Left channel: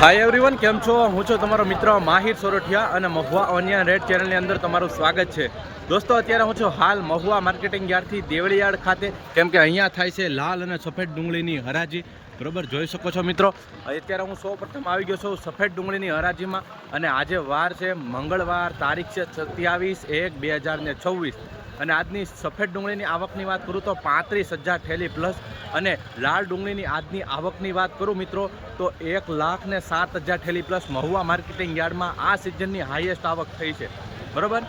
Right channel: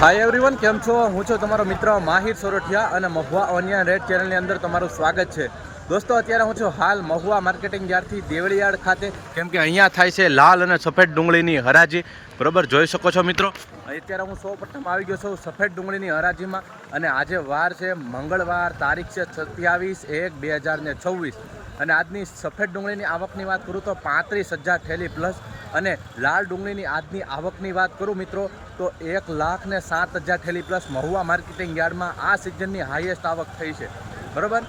Hi everyone કેમ છો? હું છું તમારો મિત્ર માહિર સોરઠિયા અને મહુવા ઓનિયન રેડ ચેનલની અંદર તમારું સ્વાગત છે. દોસ્તો, અત્યારે હું છું હાલ મહુવા માર્કેટિંગ યાર્ડથી દેવળીયાર્ડ ખાતે. કેમ કે અહીંયા થાય છે લાલ અને સફેદ ડુંગળીની હરાજી. બરાબર, જોઈ શકો છો મિત્રો? અત્યારે હું સૌ આવી ગયો છું સફેદ ડુંગળીની હરાજીમાં. અને આજે વાર છે, મંગળવાર, તારીખ છે સત્યાવીસ એક બે હજાર છવ્વીસ. અને આજની સફેદ ડુંગળીની આવકની વાત કરું તો પાંત્રીસ હજાર થેલી પ્લસ અને લાલ ડુંગળીની આજની આવકની વાત કરું મિત્રો તો એક લાખ ને સાત હજાર થેલી પ્લસ મહુવા માર્કેટિંગ યાર્ડમાં આ સિઝનની હાઈએસ્ટ આવક થઈ છે. બરાબર?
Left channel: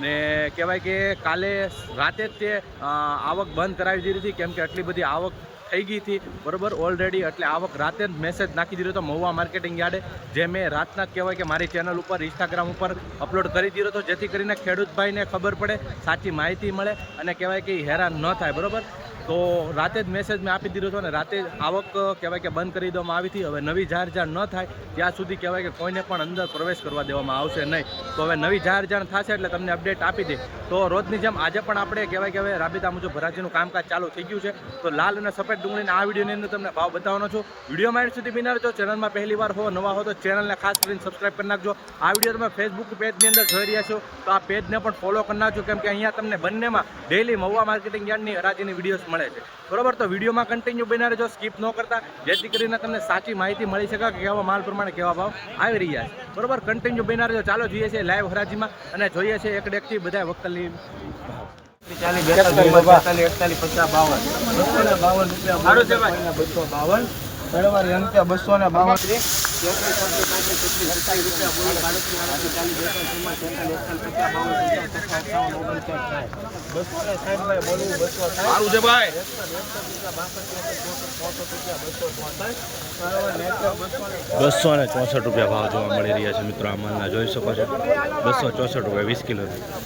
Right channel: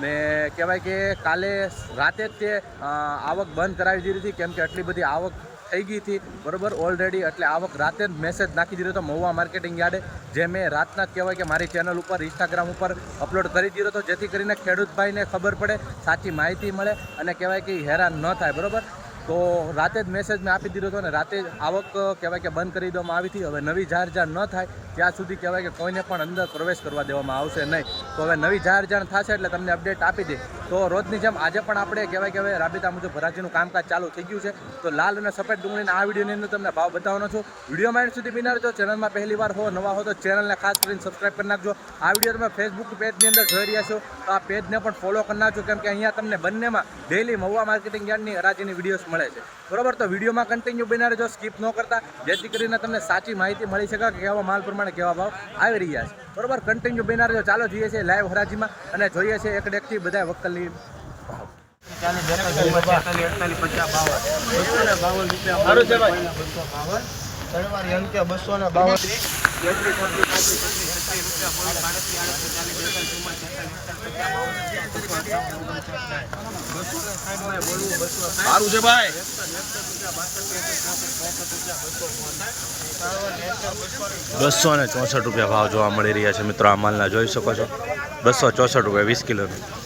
ને કહેવાય કે કાલે રાતે જ તે આવક બંધ કરાવી દીધી હતી. કેમ કે આટલી બધી આવક થઈ ગઈ હતી. બરોબર ઓલરેડી એટલે આવક રાતે જ મેસેજ નાખી દીધો હતો મહુવા માર્કેટિંગ યાર્ડે, જે મેં રાતના કહેવાય કે મારી ચેનલ ઉપર ઇન્સ્ટાગ્રામ ઉપર અપલોડ કરી દીધો હતો, જેથી કરીને ખેડૂતભાઈને ખબર પડે, સાચી માહિતી મળે અને કહેવાય કે હેરાન ન થાય. બરોબર? તો રાતે જ મેસેજ મેં આપી દીધો હતો અને રાતે જ આવક કહેવાય કે બંધ કરી દેવામાં આવી હતી. હવે નવી જાહેર જાણ ન થાય, ત્યાં સુધી કહેવાય કે કોઈને પણ અંદર પ્રવેશ કરવા દેવામાં આવશે નહીં. તો હવે નવી જાહેર જાણ થશે એટલે તમને અપડેટ આપી દે. તો રોજની જેમ આજે પણ આપણે કહેવાય કે હવે રાબેતા મુજબ ભરાજીનું કામકાજ ચાલુ થઈ ગયું છે. તો લાલ અને સફેદ ડુંગળીના આ વિડીયોની અંદર તમને ભાવ બતાવવાનો છું. વિડીયોમાં એન્ડ સુધી બિનાર ચેનલમાં પહેલી વાર હો, નવા હો તો ચેનલને ખાસ કરીને સબસ્ક્રાઈબ કરી નાખજો. આ વીડિયો તમે ફેસબુક પેજની અંદર જોઈ રહ્યા છો. તો આ પેજને પણ ફોલો કરી નાખજો. કેમ કે અહીંયા તમને બંનેમાં ડેલી મહુવા માર્કેટિંગ યાર્ડની હરાજીની વિડીયોઝ મળે છે. બરાબર? તો વિડીયોમાં કન્ટિન્યુ બિના રહેજો સ્કીપ ન કરતા. જેથી કરીને તમને સાચી માહિતી મળી શકે કે કેવા માલ પ્રમાણે કેવા ભાવ આવી રહ્યા છે. બરોબર? કન્ટિન્યુ બનાર રહેજો. ચાલો જોઈએ છીએ લાઈવ હરાજીમાં અને જોઈએ છીએ એક ડેકથી બધા વકલની ભાવ. સારું છે ભાઈ. બસો ને બાવન. સારું છે ભાઈ. બસો ને ચોસઠ રૂપિયા ભાવ જોવા મળી રહ્યા છે મિત્રો, આ માલના જોઈ શકો છો. બસો ચોસઠ રૂપિયા વીસ કિલોનું.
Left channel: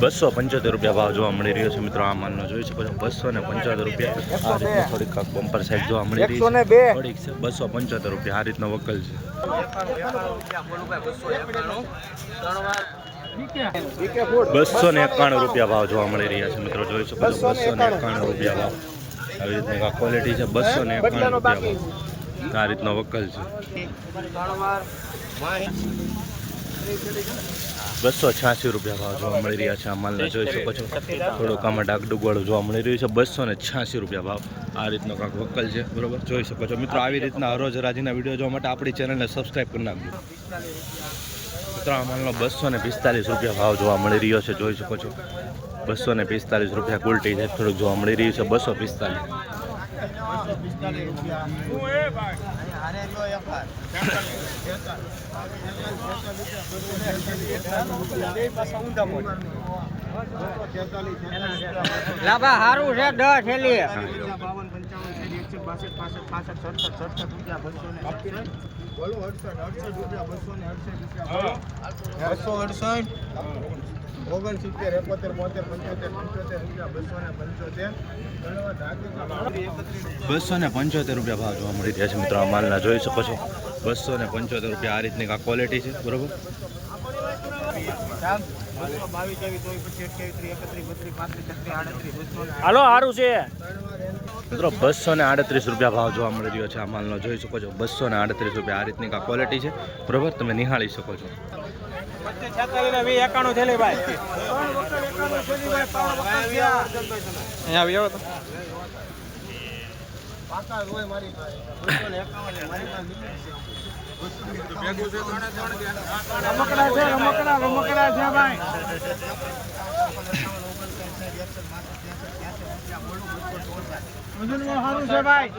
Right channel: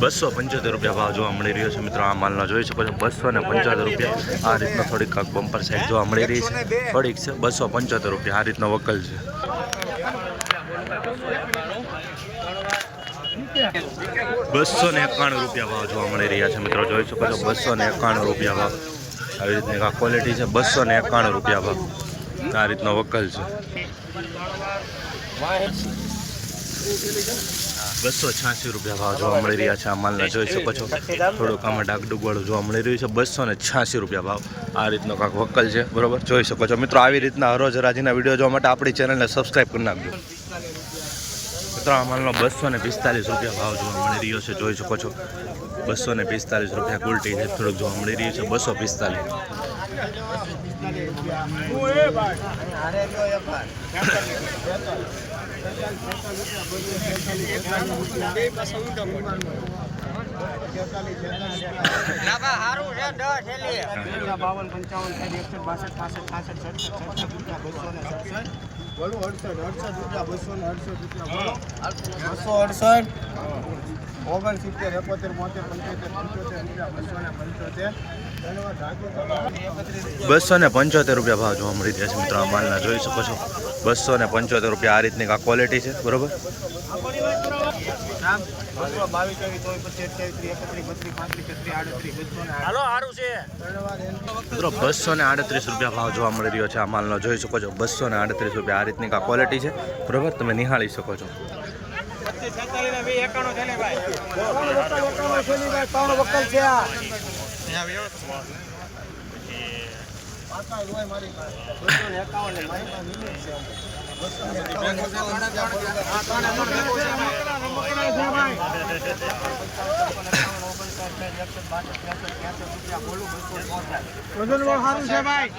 બસો પંચોતેર રૂપિયા ભાવ જોવા મળી રહ્યો છે મિત્રો. આ માલનો જોઈ શકો છો. બસો ને પંચોતેર રૂપિયા. આ રીતનો થોડીક કાંક બમ્પર સાઈઝ જોવા મળી રહી છે. થોડીક છે. બસો પંચોતેર રૂપિયા. આ રીતનો વકલ છે. બસો ને એકાણું રૂપિયા ભાવ જોવા મળી રહ્યા છે મિત્રો. જોઈ શકો છો. બસો ને એકાણું રૂપિયા ભાવ. આવી રીતની આ ક્વોલિટી છે. બસો ને એકાણું રૂપિયા ભાવ. આ રીતનો વકલ છે. બસો છ્યાસી રૂપિયા ભાવ જોવા મળી રહ્યા છે આ માલના. જોઈ શકો છો, થોડુંક આમાં ડાગડુગવાળું જોવા મળી રહ્યું છે. બસો ને છ્યાસી રૂપિયા ભાવ. આ રીતનો કાંક વક્કલ છે, બરોબર? જોઈ શકો છો. મિત્રો, આવી રીતના હરોજ રાજીના વીડિયો જોવા માટે આપણી ચેનલને સબસ્ક્રાઈબ કરી નાખજો. મિત્રો, આ માલનો બસો ને પિસ્તાલીસ રૂપિયા ભાવ જોવા મળી રહ્યો છે. જોઈ શકો છો. બસો ને પિસ્તાલીસ રૂપિયા કુલટી છે થોડુંક જોવા મળી રહ્યું છે. બસો પિસ્તાલીસ સારું સડસઠ સડસઠ રૂપિયા બસો અડસઠ રૂપિયા અડસઠ રૂપિયા બસો અડસઠ ઓગણસિત્તેર એકોતેર બોતેર પંચોતેર પંચોતેર રૂપિયા બસો ને પંચોતેર બસો ને પંચોતેર રૂપિયા ભાવ જોવા મળી રહ્યા છે મિત્રો, આ માલના જોઈ શકો છો. બસો ને પંચોતેર રૂપિયા આ રીતની આ ક્વોલિટી છે બરોબર? હાલો સારું છે. મિત્રો બસો ને આડત્રીસ રૂપિયા ભાવ જોવા મળી રહ્યો છે આ માલનો. જોઈ શકો છો બસો ને આડત્રીસ રૂપિયા આ રીતની આ ક્વોલિટી છે. બરોબર તમે નિહાળી શકો છો. એકાણું થેલી ભાઈ ત્રણ વકલ એકાણું થેલી ભાઈ ત્રણ વકલ છે અહીંયા આવ્યો તો પાકા રોય મારી પાસે. બસો ને એકાવન મારી પાસે મિનિટ છે રમકડા છે રમકડા રમકડા છે. ભાઈ. વજન સારું છે ભાઈ.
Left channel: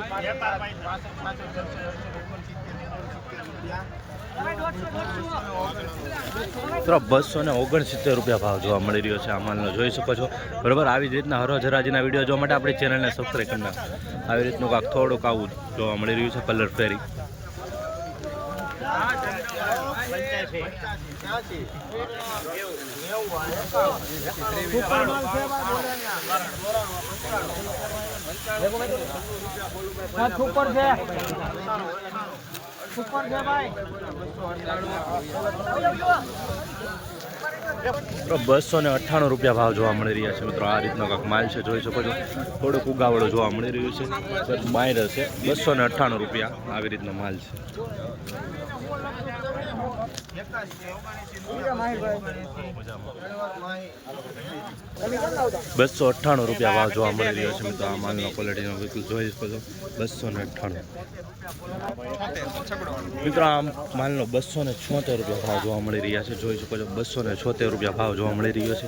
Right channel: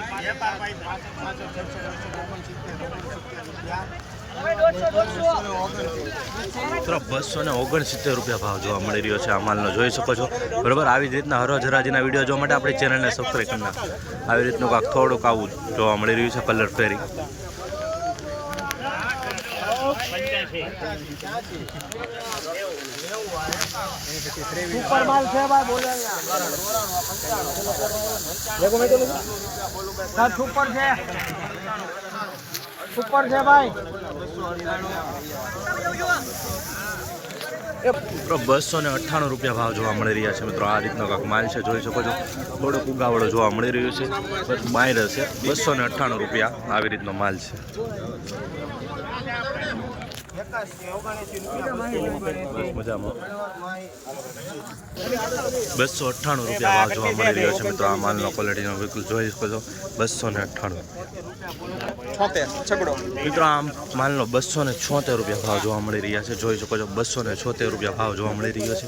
મિત્રો, બસો ને ઓગણસિત્તેર રૂપિયા ભાવ જોવા મળી રહ્યો છે આ માલનો. જોઈ શકો છો. બરાબર, આવી જ રીતના હરોજ હરાજીના વીડિયો જોવા માટે આપણી ચેનલને સબસ્ક્રાઈબ કરી નાખો. આવી રીતનું કાંક થોડુંક આવું જોવા મળી રહ્યું છે કલર ફેરી સુપર છે સુપર છે ભાઈ. બસો ને અઠ્ઠાણું રૂપિયા ભાવ જોવા મળી રહ્યા છે મિત્રો. આ રીતનો કાંક માલ છે, જોઈ શકો છો. થોડુંક ઉગાવળો જોવા મળી રહ્યું છે. બાયર છે. બસો ને અઠ્ઠાણું રૂપિયા આવી રીતનો માલ છે. બસો અઠ્ઠાણું રૂપિયા ભાવ જોવા મળી રહ્યો છે મિત્રો. આ માલનો ક્વોલિટીનો બિલકુલ જોઈ શકો છો. બસો ને અઠ્ઠાણું. મિત્રો, આમ માલનો બસો ને છોતેર રૂપિયા ભાવ જોવા મળી રહ્યા છે. જોઈ શકો છો, બસો ને છોતેર રૂપિયા ભાવ જોવા મળી રહ્યો છે.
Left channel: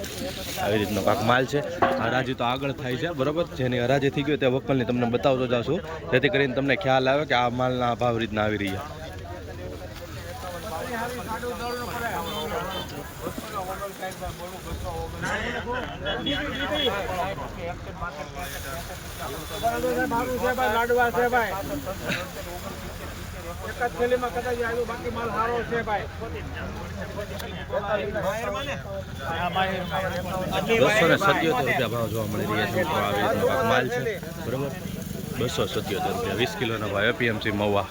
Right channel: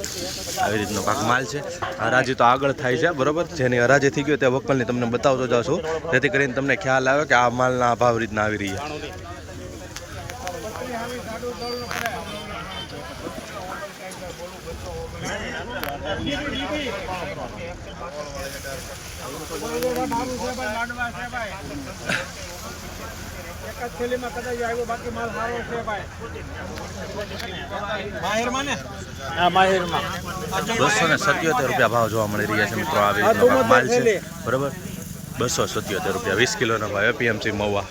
આવી રીતનો કાંક માલ છે. હરાજી તો આગળ થાય છે, બરોબર? જેની હરાજી થઈ ગયો તે વકલની તમને બતાવતો જાઉં છું જેથી કરીને તમને ખ્યાલ આવે કે આ માલના ભાવ રીતના આવી રહ્યા. લાડવા છે ભાઈ એક જ થેલીમાં કદાચ આવ્યો બાકી માલ સારો છે ભાઈ. બસો ને સત્યોતેર રૂપિયા ભાવ જોવા મળી રહ્યા છે મિત્રો. આવી રીતનો કાંક માલ છે. બરોબર? બસો સત્યોતેર રૂપિયા. વીસ કિલોનો ભાવ. એપીએમસી મવા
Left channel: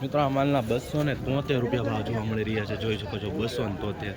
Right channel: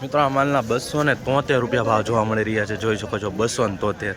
મિત્રો આ માલના બસો ને તોતેર રૂપિયા ભાવ જોવા મળી રહ્યા છે. જોઈ શકો છો બસો ને તોતેર.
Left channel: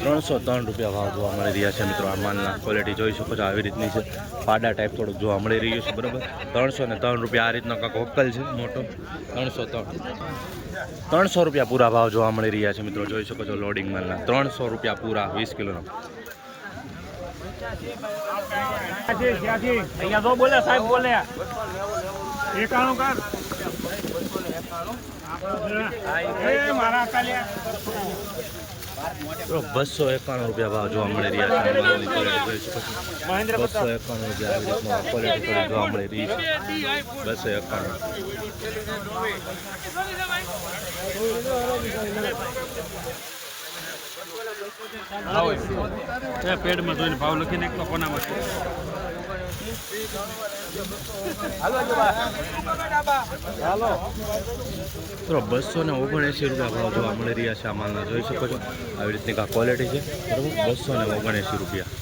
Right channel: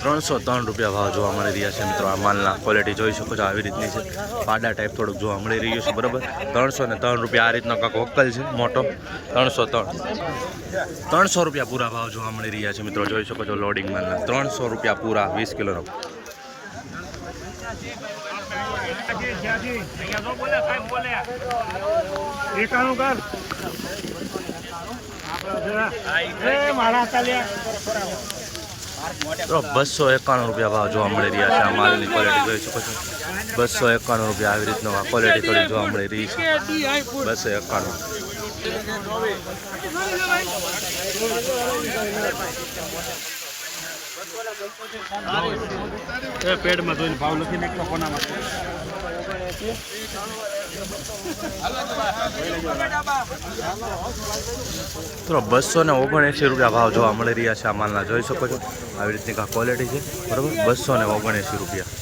ત્રણસો ત્રણ રૂપિયા ભાવ જોવા મળી રહ્યા છે મિત્રો. આ માલના ક્વોલિટી જોઈ શકો છો. આવી રીતની છે. પાડા ટાઈપ થોડુંક જોવા મળી રહ્યું છે, બરાબર? ત્રણસો ને ત્રણ રૂપિયા આ રીતનો કાંક વક્કલ છે, મોટો. ત્રણસો ત્રણ. ત્રણસો રૂપિયા પૂરા ભાવ જોવા મળી રહ્યા છે મિત્રો. જોઈ શકો છો લોડિંગ માલના. ત્રણસો રૂપિયા પૂરા, વીસ કિલોનો. એકાણું કર બસો એકાણું રૂપિયા ભાવ જોવા મળી રહ્યા છે આ માલની ક્વોલિટી જોઈ શકો છો. બસો એકાણું રૂપિયા આવી રીતનો ક્વોલિટી થોડી જોવા મળી રહી છે. બસો એકાણું. પેડમાં જોઈને ભાવ લખી નાખતો કોનામાં તો બસો ને ઓગણએંસી રૂપિયા ભાવ જોવા મળી રહ્યા છે આ માલના. જોઈ શકો છો, આવી રીતની કાં ક્વોલિટી છે. બરાબર? બસો ને ઓગણએંસી રૂપિયા.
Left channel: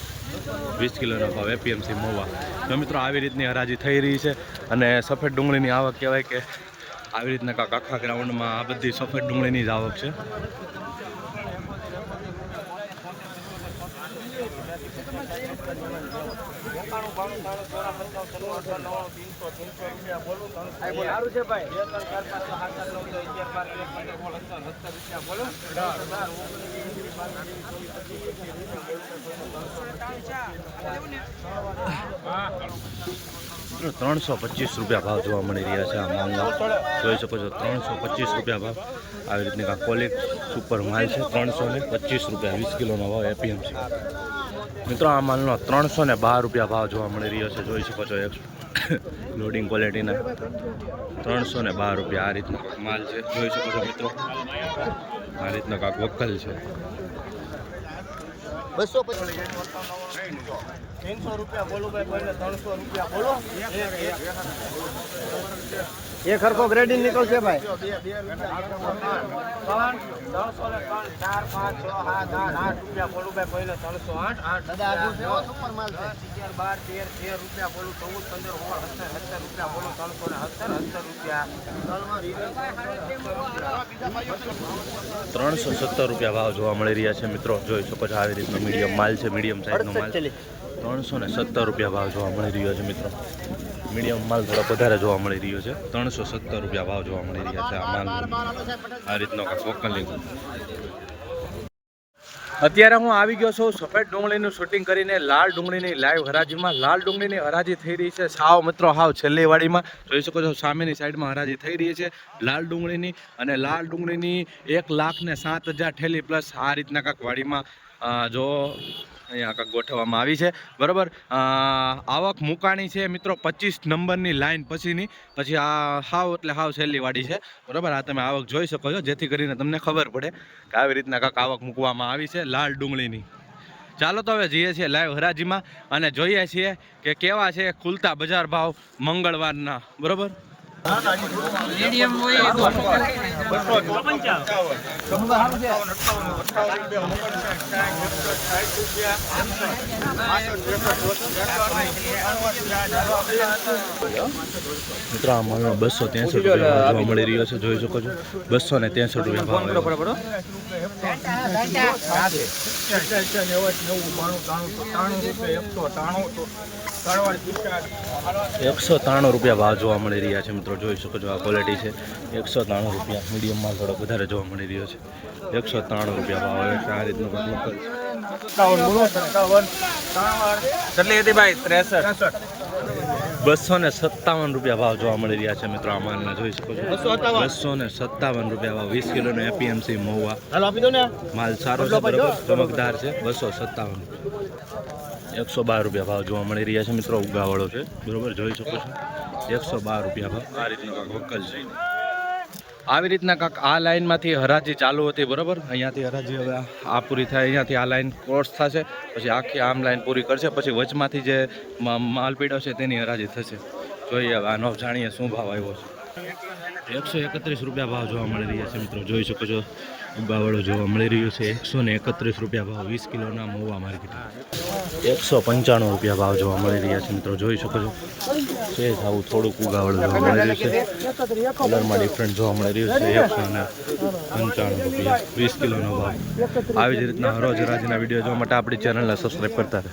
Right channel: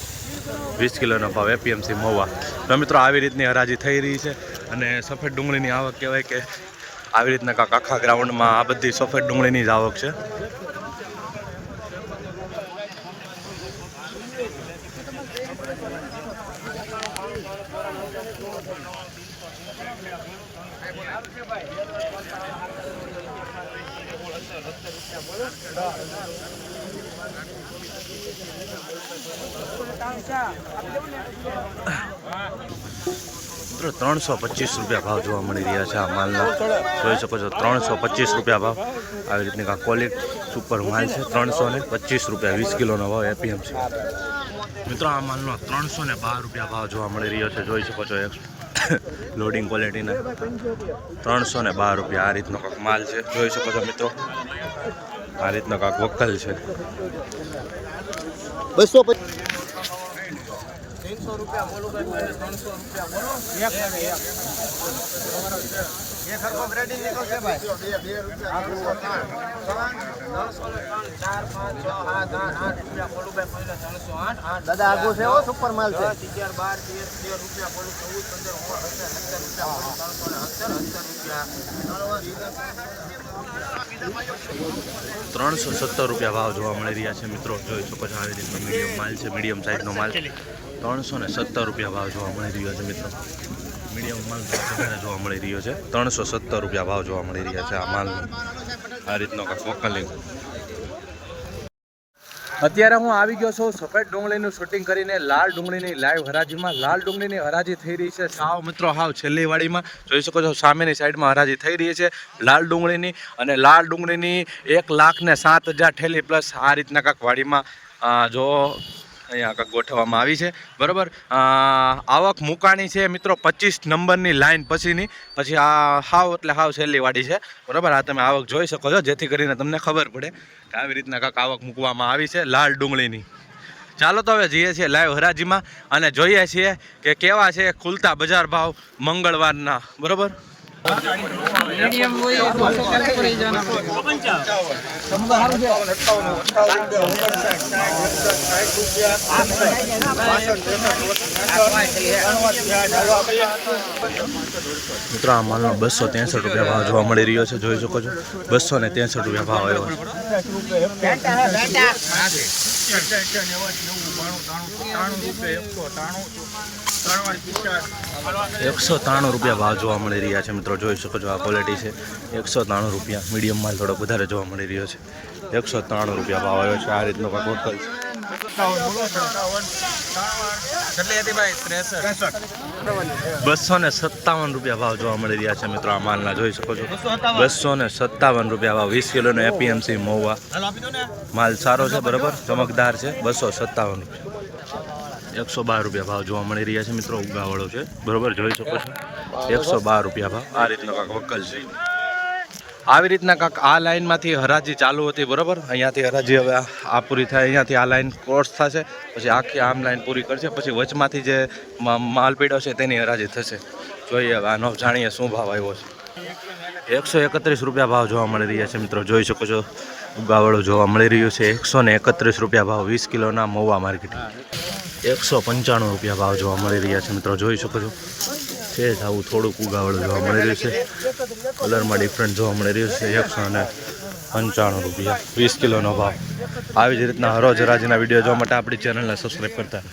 વીસ કિલોનો ભાવ એપીએમસી મહુવા તો મિત્રો, આવી રીતની હરાજી થઈ રહી છે અને સફેદ ડુંગળીની આવક કહેવાય કે આવી રીતના કાંક આખા ગ્રાઉન્ડમાં આ બધી સફેદ ડુંગળીની જ આવક છે. મિત્રો ત્રણસો પચીસ રૂપિયા ભાવ જોવા મળી રહ્યા છે આ માલના. જોઈ શકો છો ત્રણસો પચીસ રૂપિયા ભાવ. આવી રીતની કાંઈ કોલિક સુપર માલ છે. ત્રણસો ને પચીસ રૂપિયા વીસ કિલોનો ભાવ એપીએમસી મિત્રો આ માલનો ત્રણસો ને બાર રૂપિયા ભાવ જોવા મળી રહ્યો છે. જોઈ શકો છો એક લોડિંગ ક્વોલિટીના ત્રણસો ને બાર રૂપિયા આ રીતનો કાંક માલ છે જોઈ શકો છો મિત્રો આ રીતનો કાંક વકલ છે બસો રૂપિયા બોલું ત્રણસો રૂપિયા બોલો એક હરખો ગ્રેડિંગ નીકળશે ભાઈ. ત્રણસો સત્તર રૂપિયા ભાવ જોવા મળી રહ્યા છે મિત્રો. જોઈ શકો છો આવી રીતનો મીડિયમ માલ છે મીડિયમ સાઈઝનો માલ. ત્રણસો ને સત્તર રૂપિયા ભાવ જોવા મળી રહ્યો છે મિત્રો. મીડિયમ માલ થોડોક વધારે જોવા મળી રહ્યો છે. ત્રણસો સત્તર રૂપિયા ભાવ જોવા મળી રહ્યા છે આ માલનો આ રીતનો વકલી અત્યારે હું આવી ગયો છું સફેદ ડુંગળીનું શૂટિંગ કરીને લાલ ડુંગળીની લાઈવ હરાજીમાં. લાલ ડુંગળીની હરાજી થઈ રહી છે. સાવ મિત્રો, હાવ છેલ્લી વાડીમાં. જોઈ શકો છો, સામેની સાઈડમાં હરાજી થઈ રહી છે લાલ ડુંગળીની અને લાલ ડુંગળીની એક લાખ ને સાત હજાર ઠેલી પ્લસ આ રીતના કાંક વાડીમાં જો અહીંયા કાંક ગોઠવવામાં આવી છે. બરાબર? આવક મુકાણી છે મિત્રો પચીસ નંબરની લાઈન પછીની. પછી આ હાવ એટલે હાવ છેલ્લીવાડી છે. બરાબર? આ તમે આવક જોઈ શકો છો, જેથી કરીને તમને ખબર પડે કે આવી રીતના કાંક આવક મૂકવામાં આવી છે લાલ ડુંગળીની. ચાલો તો હવે જઈએ છીએ લાઈવ હરાજીમાં અને જોઈએ છીએ કે કેવા છે ખુલતા બજાર ભાવ મંગળવારના. બરાબર? મિત્રો, આ માલનો બસો ત્રેસઠ રૂપિયા ભાવ જોવા મળી રહ્યો છે. જોઈ શકો છો. બસો ને ત્રેસઠ રૂપિયા ભાવ આવ્યો છે. એકસો ત્રાણું રૂપિયા ભાવ જોવા મળી રહ્યા છે મિત્રો જોઈ શકો છો આ ક્વોલિટી છે. એકસો ત્રાણું રૂપિયા મીડિયમ માલ થોડોક વધારે જોવા મળી રહ્યો છે. એકસો ત્રાણું રૂપિયા ભાવ આવ્યો છે આ રીતનો કંઈક વકલ બસો ને સત્તાવન રૂપિયા ભાવ જોવા મળી રહ્યા છે મિત્રો આ માલના જોઈ શકો છો. બસો ને સત્તાવન રૂપિયા ભાવ વીસ કિલોનો એપીએમસી મહુવા માલ સારો છે બરાબર? ચમકદાર છે બસો સત્તાવન રૂપિયા. એકસો બાર રૂપિયા ભાવ જોવા મળી રહ્યા છે મિત્રો, ઉગાવાળો છે. બરોબર, જોઈ શકો છો? એકસો બાર રૂપિયા ભાવ. આ રીતનો કાંક વક્કલ છે. આવી રીતના કાંક આ લાઇનમાંથી હરાજી ચાલુ હતી, બરાબર? અહીંયાથી હરાજી હવે આ- પૂરી થાય, અહીંયાથી આ લાઈન ક્રોસ થશે, પછી આખી આમ લાઇન પૂરી કરશે, પછી વચમાંથી જે મ- માલ પીડો છે તેની હરાજી થશે. જોઈએ હવે આનો જાણીએ શું ભાવ આવ્યો છે. એકસો એકત્રીસ રૂપિયા ભાવ જોવા મળી રહ્યા છે મિત્રો, જોઈ શકો છો? ઉગાવાળો જોવા મળી રહ્યું છે. એકસો એકત્રીસ રૂપિયા ભાવ, વીસ કિલોના મોવા માર્કેટિંગ. એકસો પંચાણું રૂપિયા ભાવ જોવા મળી રહ્યા છે. મિત્રો, જોઈ શકો છો. છે આવું થોડુંક ઉગાવળું જોવા મળી રહ્યું છે. કલરમાં ડિફરન્ટ જોવા મળી રહ્યું છે. એકસો અને પંચાણું રૂપિયા. વીસ કિલોનો ભાવ. આવી જ રીતના હરોજ રાજીના વીડિયો જોવા માટે આપણી ચેનલને સબસ્ક્રાઈબ કરતા રહે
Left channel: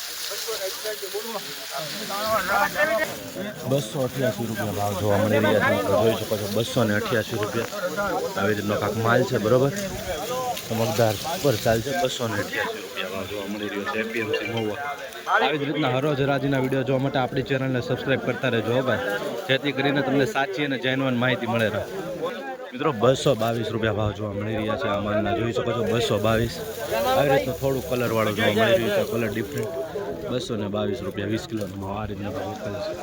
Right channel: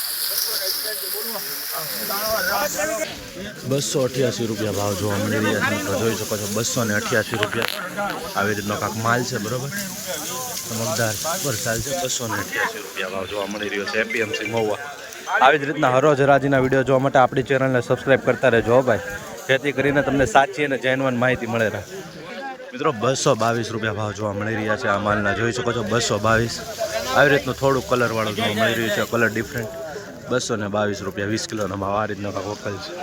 બસો અઠ્યાસી રૂપિયા ભાવ જોવા મળી રહ્યા છે. જોઈ શકો છો બસો ને અઠ્યાસી રૂપિયા આવી રીતનો કાંક માલ છે, બરોબર? ચમકદાર પર ચાલશે બસો ને અઠ્યાસી રૂપિયા ભાવ જોવા મળી રહ્યો છે, એપીએમસી મહુવા. આવી જ રીતના હરોજ હરાજીના વીડિયો જોવા માટે આપણી ચેનલને સબસ્ક્રાઈબ કરતા રહેજો ભાઈ. જેથી કરીને તમને સાચી અને જેન્યુઅન માહિતી મળે રહે. મિત્રો બસો બાવીસ રૂપિયા ભાવ જોવા મળી રહ્યા છે આ માલના. જોઈ શકો છો બસો બાવીસ. આવી રીતનું થોડું કલરવાળું જોવા મળી રહ્યું છે કલર ડિફરન્ટ બસો ને બાવીસ રૂપિયા, વીસ કિલોનો ભાવ આ રીતનો કાંક વકલ છે.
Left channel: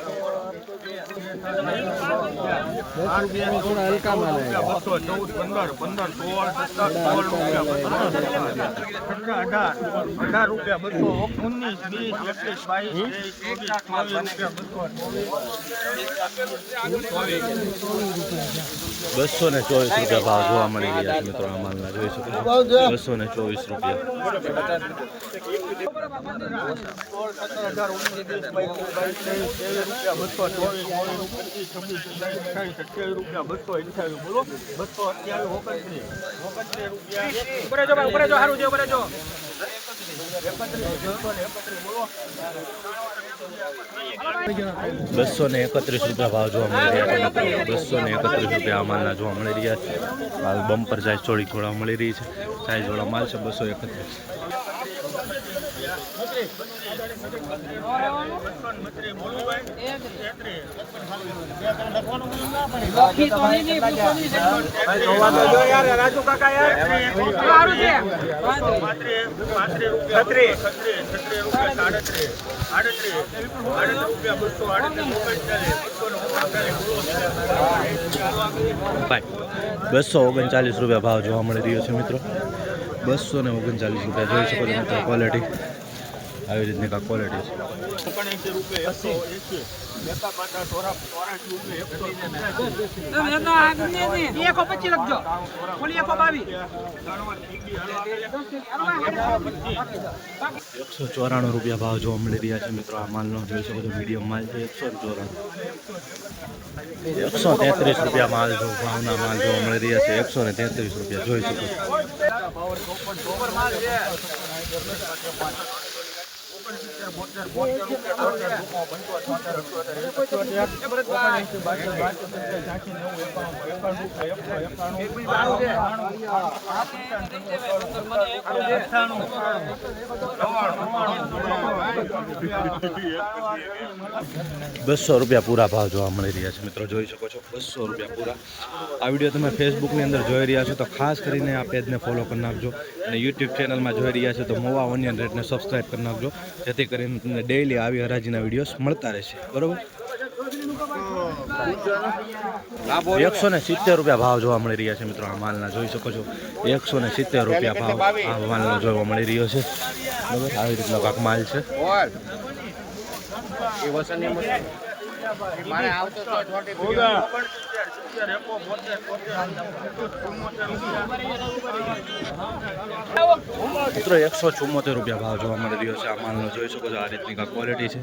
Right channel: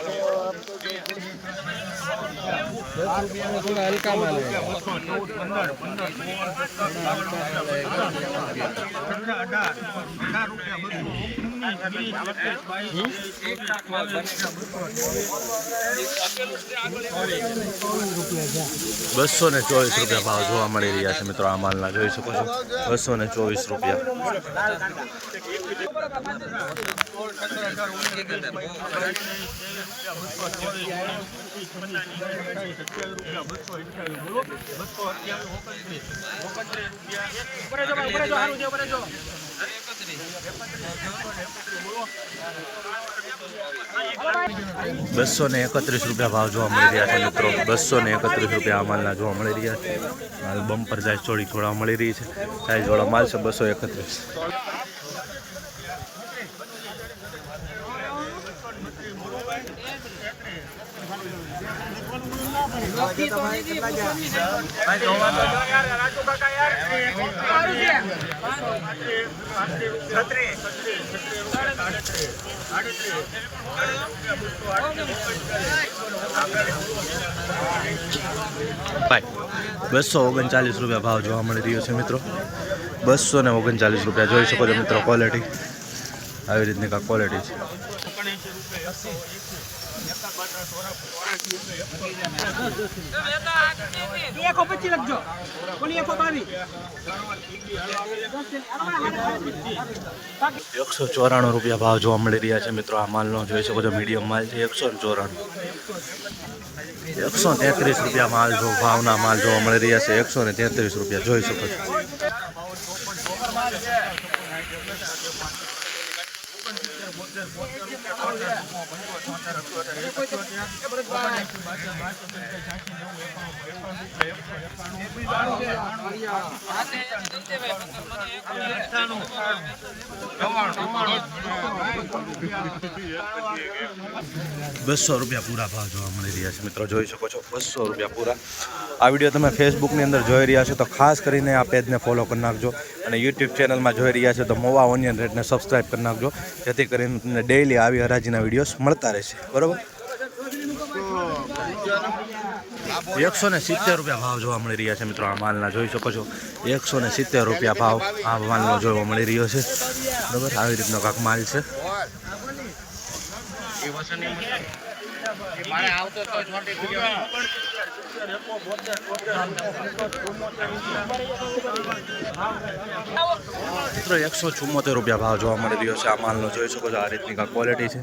બસો ને ચોવીસ રૂપિયા ભાવ જોવા મળી રહ્યા છે મિત્રો, આ માલના જોઈ શકો છો. બસો ને ચોવીસ રૂપિયા. બસો ને એકત્રીસ રૂપિયા ભાવ જોવા મળી રહ્યા છે મિત્રો. બસો ને એકત્રીસ રૂપિયા માલના જોવા મળી રહ્યા છે. માલ બમ્પર સાઇઝ થોડી થોડા મળી રહી છે. સાઇઝવાળો માલ છે બસો એકત્રીસ રાજુ કાકા યાર સારું છે ભાઈ બસો ઓગણચાલીસ રૂપિયા ભાવ જોવા મળી રહ્યો છે મિત્રો. બસો ને ઓગણચાલીસ રૂપિયા જોઈ શકો છો મિત્રો ક્વોલિટી આવી રીતની કાંઈક ક્વોલિટી છે. એકસો પચીસ લખજો. ઓલી એકસો બાવીસ એકસો ચોરાણું રૂપિયા ભાવ જોવા મળી રહ્યા છે મિત્રો. આ માલનો જોઈ શકો છો મીડિયમ માલ છે, એકસો ચોરાણું. એકસો તેત્રીસ રૂપિયા માલ જો, ભાવના માલ જોવા મળી રહ્યા છે. એકસો ને તેત્રીસ રૂપિયા, જોઈ શકો છો. બસો રૂપિયા પૂરા ભાવ જોવા મળી રહ્યા છે મિત્રો, જોઈ શકો છો, બસો રૂપિયા પૂરા. આ વીડિયો તમે ફેસબુકની અંદર જોઈ રહ્યા છો, તો ખાસ કરીને આ પેજને ફોલો કરી નાખજો અને યુટ્યુબ ચેનલમાં જોઈ રહ્યા છો, તો મોવા ઓનિયન રેટને સબસ્ક્રાઈબ કરી નાખજો. જેથી કરીને તમને ડેઈલી આવી હરાજીના વિડીયોઝ મળતા રહેશે. બરાબર? એકસો ને સિત્તેર રૂપિયા ભાવ જોવા મળી રહ્યા છે મિત્રો આ માલના, જોઈ શકો છો. એકસો ને સિત્તેર રૂપિયા ભાવ આ માલનો જોવા મળી રહ્યો છે. બરાબર? આવી રીતનો કાંક માલ છે. મિત્રો એકસો ચુમ્મોતેર રૂપિયા ભાવ જોવા મળી રહ્યો છે. આ માલનો જોઈ શકો છો આ રીતની કાંઈ ક્વોલિટી છે.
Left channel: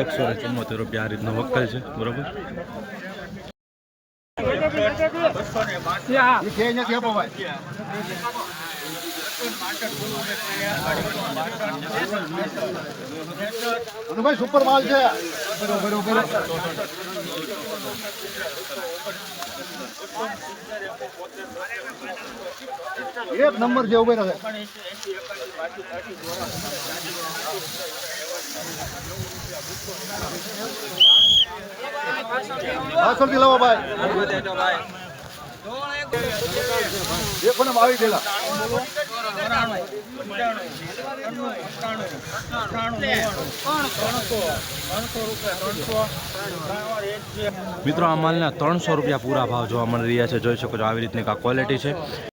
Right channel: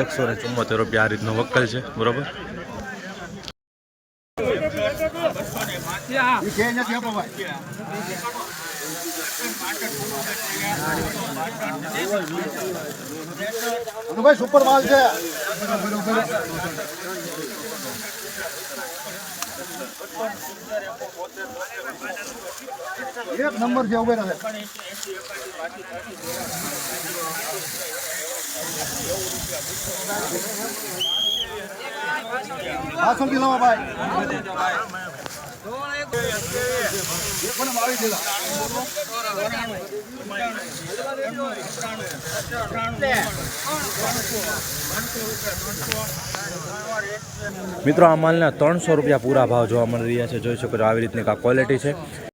એકસો ને ચુમ્મોતેર રૂપિયા આ રીતનો વક્કલ છે. બરોબર? નથી આપો ભાઈ. ભાઈ સુપર માલ છે. બરોબર બરોબર એક નંબર જે ઉભે રહે પાછળથી લાવો ભાઈ. મિત્રો, આ માલના ત્રણસો રૂપિયા પૂરા ભાવ જોવા મળી રહ્યા છે. જોઈ શકો છો, આવી રીતની આ ક્વોલિટી છે.